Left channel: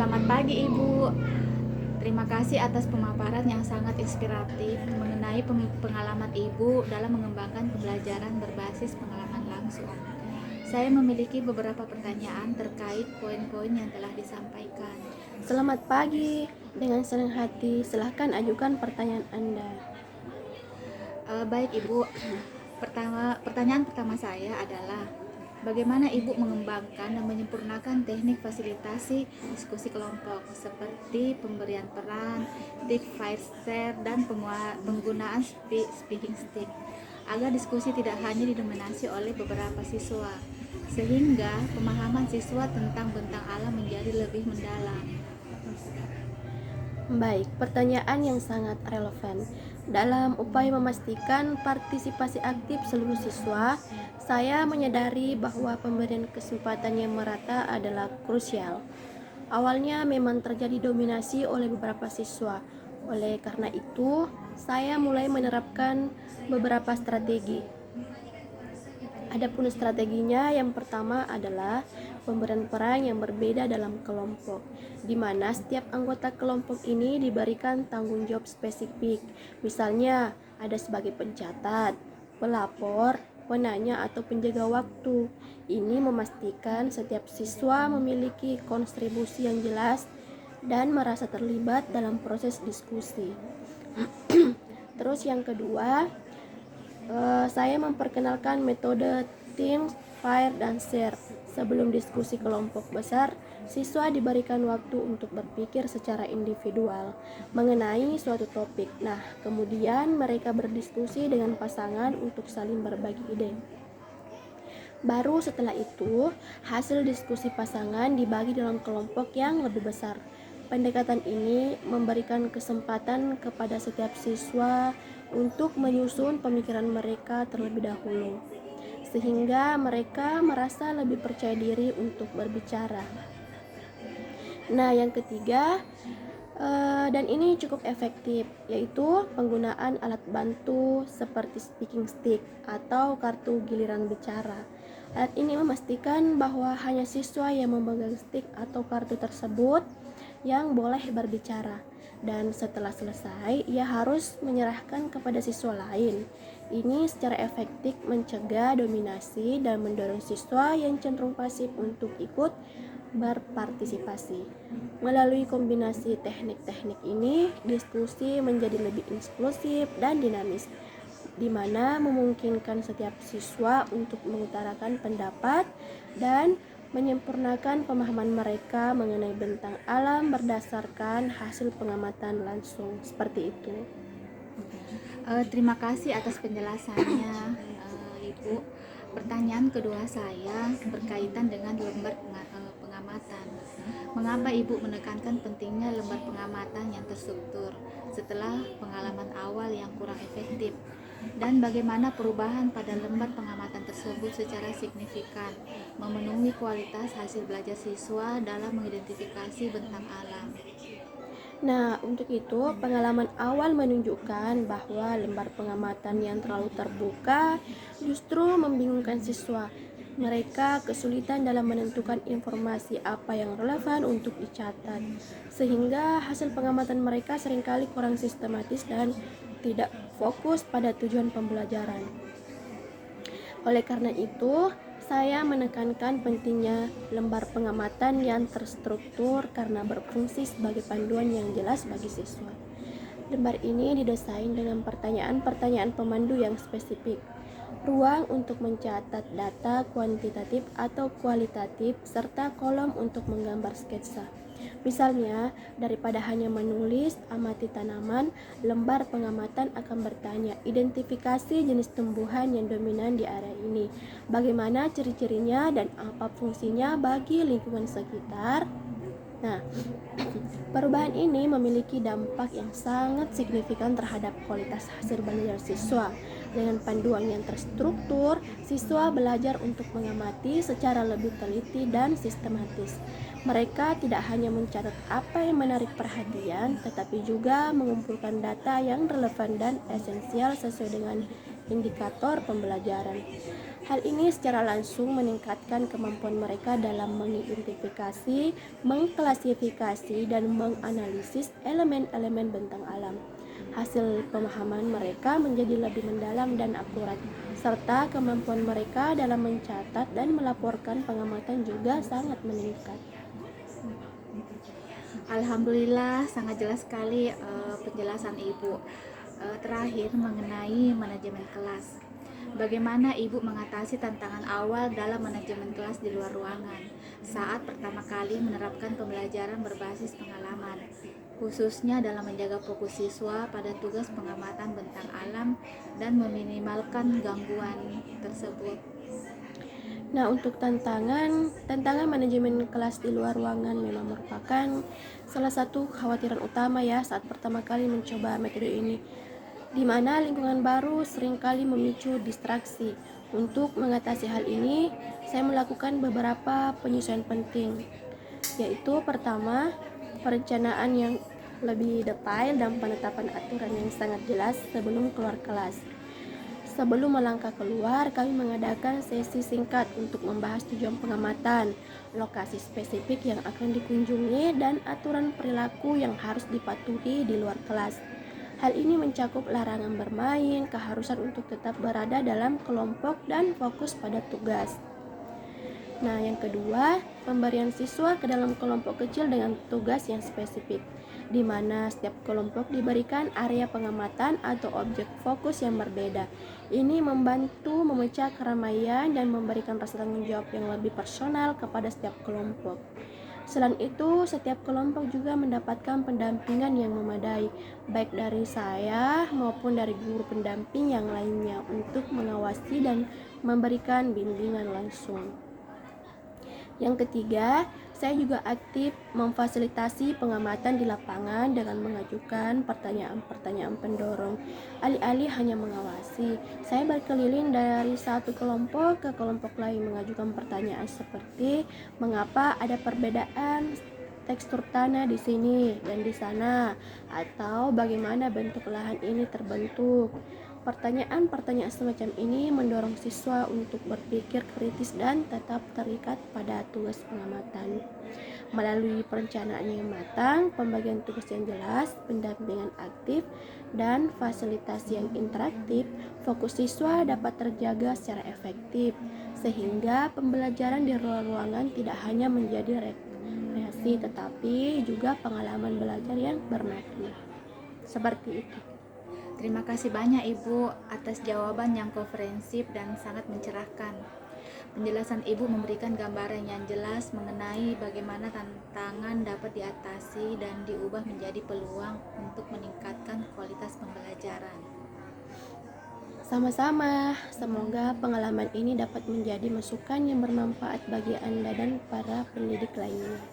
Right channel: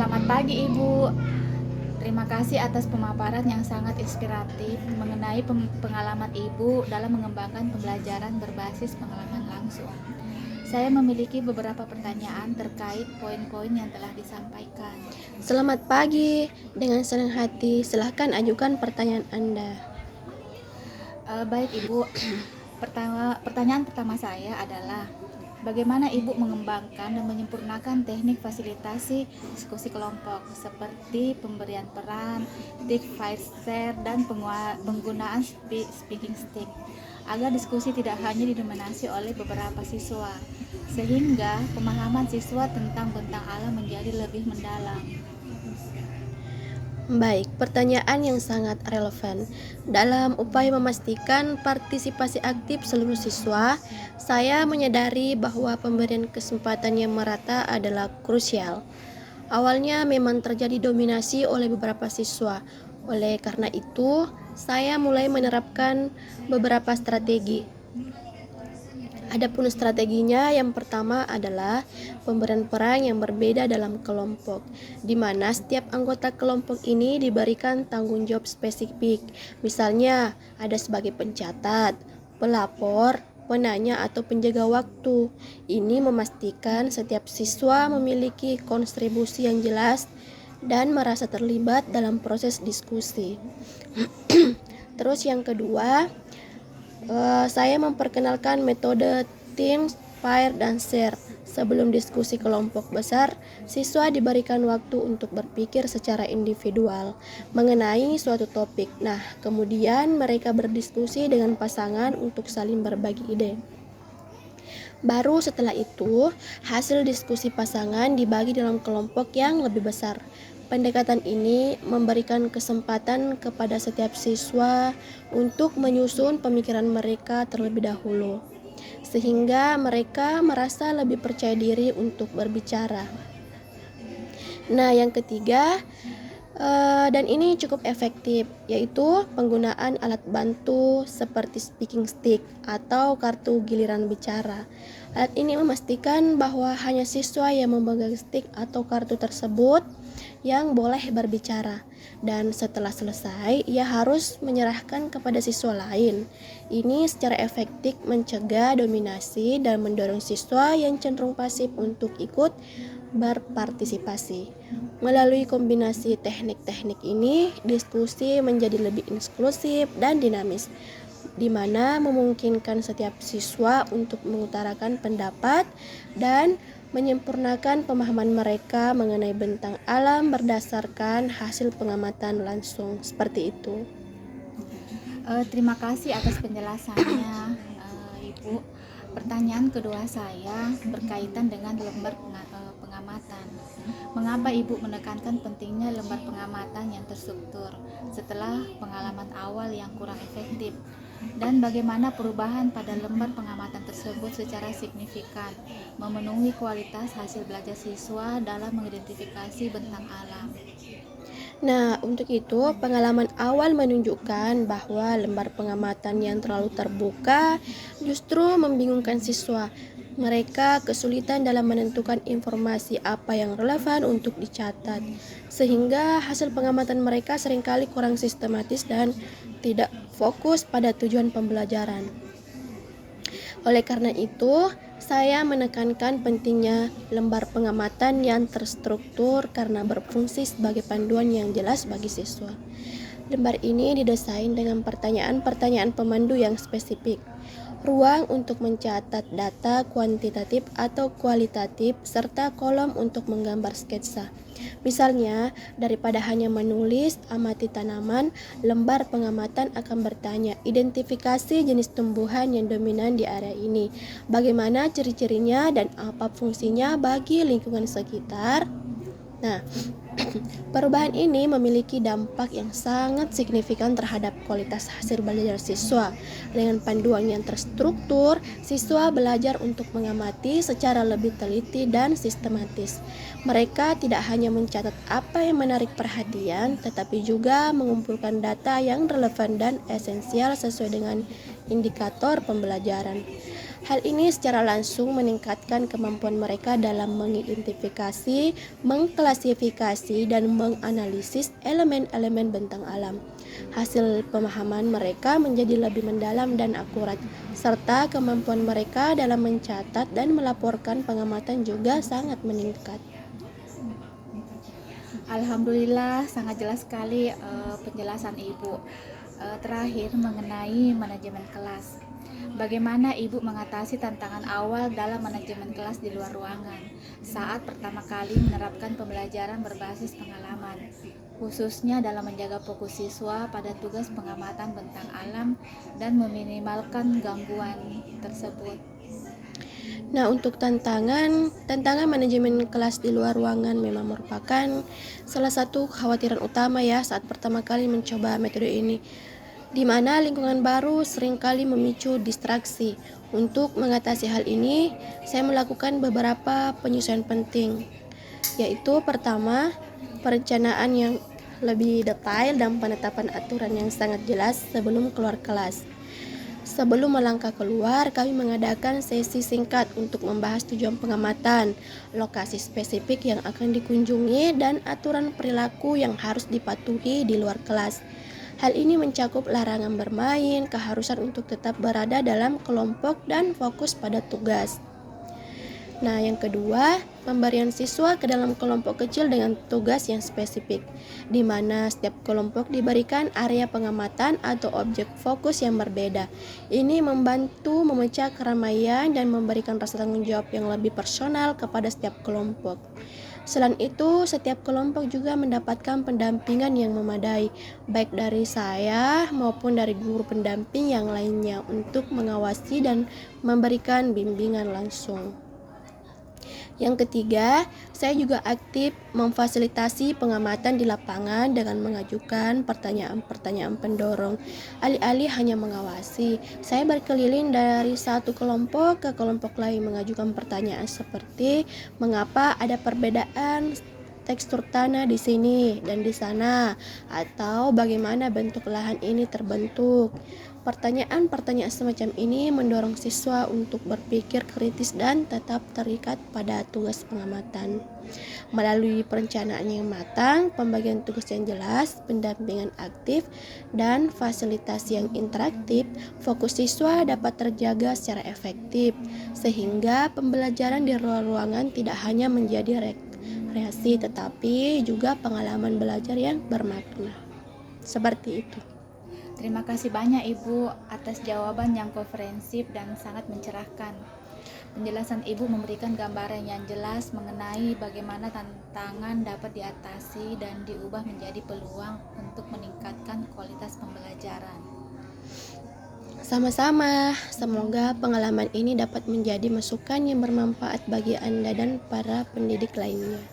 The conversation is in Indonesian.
Selamat pagi Ibu. Terima kasih atas pemaparan yang sangat inspiratif mengenai pengalaman Ibu dalam mengembangkan pembelajaran berbasis pengalaman langsung. Saya memiliki beberapa pertanyaan terkait poin-poin yang telah disampaikan. Selamat pagi, dengan senang hati silahkan ajukan pertanyaan Anda. Baik Ibu, pertanyaan pertama saya adalah bagaimana Ibu mengembangkan dan menyempurnakan teknik fasilitasi diskusi kelompok seperti pemberian peran, tip fight share, dan penggunaan speaking stick agar diskusi tidak hanya didominasi oleh beberapa siswa sehingga pemahaman siswa tentang bentang alam menjadi lebih mendalam. Baik, pertanyaan yang sangat relevan. Dalam upaya memastikan partisipasi aktif seluruh siswa, saya menyadari bahwa pemberian kesempatan yang merata adalah krusial. Awalnya memang terjadi dominasi oleh beberapa siswa. Oleh karena itu, saya mulai menerapkan beberapa strategi. Adapun strateginya, yang pertama adalah pemberian peran yang berbeda dalam kelompok, di mana setiap anggota kelompok ini diberikan tanggung jawab spesifik. Misalnya, ada sebagai pencatat, pelapor, penanya, atau penjaga waktu. Ini memastikan setiap siswa memiliki kontribusi yang jelas dan merasa terlibat dalam proses diskusi. Terus yang kedua, saya memperkenalkan metode team, fire, dan share. Sebelum diskusi kelompok besar, siswa diberikan waktu untuk berpikir secara individual mengenai suatu topik. Nah, kemudian mereka berdiskusi dengan pasangan untuk saling berbagi ide. Baru setelah itu, hasil diskusi pasangan dibagi dalam kelompok yang lebih besar. Pendekatan ini memberikan kesempatan kepada setiap siswa untuk menyusun pemikiran mereka terlebih dahulu, sehingga mereka merasa lebih percaya diri untuk berbicara. Nah, yang ketiga, dan ini cukup efektif, yaitu penggunaan alat bantu seperti speaking stick atau kartu giliran bicara. Alat ini memastikan bahwa hanya siswa yang memegang stick atau kartu tersebut yang boleh berbicara, dan setelah selesai ia harus menyerahkan kepada siswa lain. Ini secara efektif mencegah dominasi dan mendorong siswa yang cenderung pasif untuk ikut berpartisipasi. Melalui kombinasi teknik-teknik ini, diskusi menjadi lebih inklusif dan dinamis, di mana memungkinkan setiap siswa untuk mengutarakan pendapat dan menyempurnakan pemahaman mereka mengenai bentang alam berdasarkan hasil pengamatan langsung. Seperti itu. Terima kasih atas penjelasannya, Ibu. Pertanyaan kedua saya berkaitan dengan lembar pengamatan. Mengapa Ibu menekankan pentingnya lembar pengamatan yang terstruktur setelah pengalaman awal yang kurang efektif? Dan bagaimana perubahan pada lembar pengamatan tersebut secara signifikan memenuhi kualitas hasil belajar siswa dalam mengidentifikasi bentang alam? Nah, untuk itu, pengalaman awal menunjukkan bahwa lembar pengamatan yang terlalu terbuka justru membingungkan siswa. Mereka kesulitan dalam menentukan informasi apa yang relevan untuk dicatat, sehingga hasil pengamatan mereka seringkali kurang sistematis dan tidak fokus pada tujuan pembelajaran. Oleh karena itu, saya menekankan pentingnya lembar pengamatan yang terstruktur karena berfungsi sebagai panduan yang jelas bagi siswa. Lembar ini didesain dengan pertanyaan-pertanyaan pemandu yang spesifik, ruang untuk mencatat data kuantitatif atau kualitatif, serta kolom untuk menggambar sketsa. Misalnya, daripada hanya menulis amati tanaman, lembar pengamatan akan bertanya, identifikasi jenis tumbuhan yang dominan di area ini, bagaimana ciri-cirinya dan apa fungsinya bagi lingkungan sekitar. Nah, perubahan ini memiliki dampak yang sangat signifikan terhadap kualitas hasil belajar siswa. Dengan panduan yang terstruktur, siswa belajar untuk mengamati secara lebih teliti dan sistematis. Mereka tidak hanya mencatat apa yang menarik perhatian, tetapi juga mengumpulkan data yang relevan dan esensial sesuai dengan indikator pembelajaran. Hal ini secara langsung meningkatkan kemampuan mereka dalam mengidentifikasi, mengklasifikasi, dan menganalisis elemen-elemen bentang alam. Hasil pemahaman mereka menjadi lebih mendalam dan akurat, serta kemampuan mereka dalam mencatat dan melaporkan pengamatan juga sangat meningkat. Alhamdulillah, sangat jelas sekali penjelasan Ibu. Terakhir mengenai manajemen kelas. Bagaimana Ibu mengatasi tantangan awal dalam manajemen kelas di luar ruangan saat pertama kali menerapkan pembelajaran berbasis pengalaman, khususnya dalam menjaga fokus siswa pada tugas pengamatan bentang alam dan meminimalkan gangguan tersebut? Nah, untuk tantangan manajemen kelas di luar ruangan memang merupakan salah satu kekhawatiran utama ya saat pertama kali mencoba metode ini, di mana lingkungan baru seringkali memicu distraksi. Untuk mengatasi hal ini, saya melakukan beberapa penyesuaian penting, yaitu pertama, perencanaan yang lebih detail dan penetapan aturan yang sangat jelas sebelum keluar kelas. Sebelum melangkah keluar, kami mengadakan sesi singkat untuk membahas tujuan pengamatan, lokasi spesifik yang akan dikunjungi, dan aturan perilaku yang harus dipatuhi di luar kelas. Hal ini mencakup larangan bermain, keharusan untuk tetap berada dalam kelompok, dan fokus pada tugas. Nah, yang kedua, pemberian siswa ke dalam kelompok kecil dengan tugas yang spesifik, di mana setiap kelompok diberikan area pengamatan atau objek fokus yang berbeda. Ini membantu memecah keramaian dan memberikan rasa tanggung jawab yang lebih personal kepada setiap kelompok. Selain itu, setiap kelompok juga mendapatkan pendampingan yang memadai, baik dari saya maupun dari guru pendamping yang lainnya untuk mengawasi dan memberikan bimbingan langsung. Yang ketiga, saya juga aktif memfasilitasi pengamatan di lapangan dengan mengajukan pertanyaan-pertanyaan pendorong. Alih-alih hanya mengawasi, saya berkeliling dari satu kelompok ke kelompok lain mengajukan pertanyaan seperti mengapa ada perbedaan tekstur tanah di sini dan di sana, atau bagaimana bentuk lahan ini terbentuk. Pertanyaan-pertanyaan semacam ini mendorong siswa untuk berpikir kritis dan tetap terikat pada tugas pengamatan. Melalui perencanaan yang matang, pembagian tugas yang jelas, pendampingan aktif, dan fasilitasi yang interaktif, fokus siswa dapat terjaga secara efektif, sehingga pembelajaran di luar ruangan tidak hanya menjadi rekreasi, tetapi juga pengalaman belajar yang bermakna. Seperti itu. Terima kasih banyak Ibu atas jawaban yang komprehensif dan sangat mencerahkan. Penjelasan Ibu memberikan gambaran yang jelas mengenai bagaimana tantangan dapat diatasi dan diubah menjadi peluang untuk meningkatkan kualitas pembelajaran. Sama-sama, semoga pengalaman ini dapat menjadi masukan yang bermanfaat bagi Anda dan para pendidik lainnya.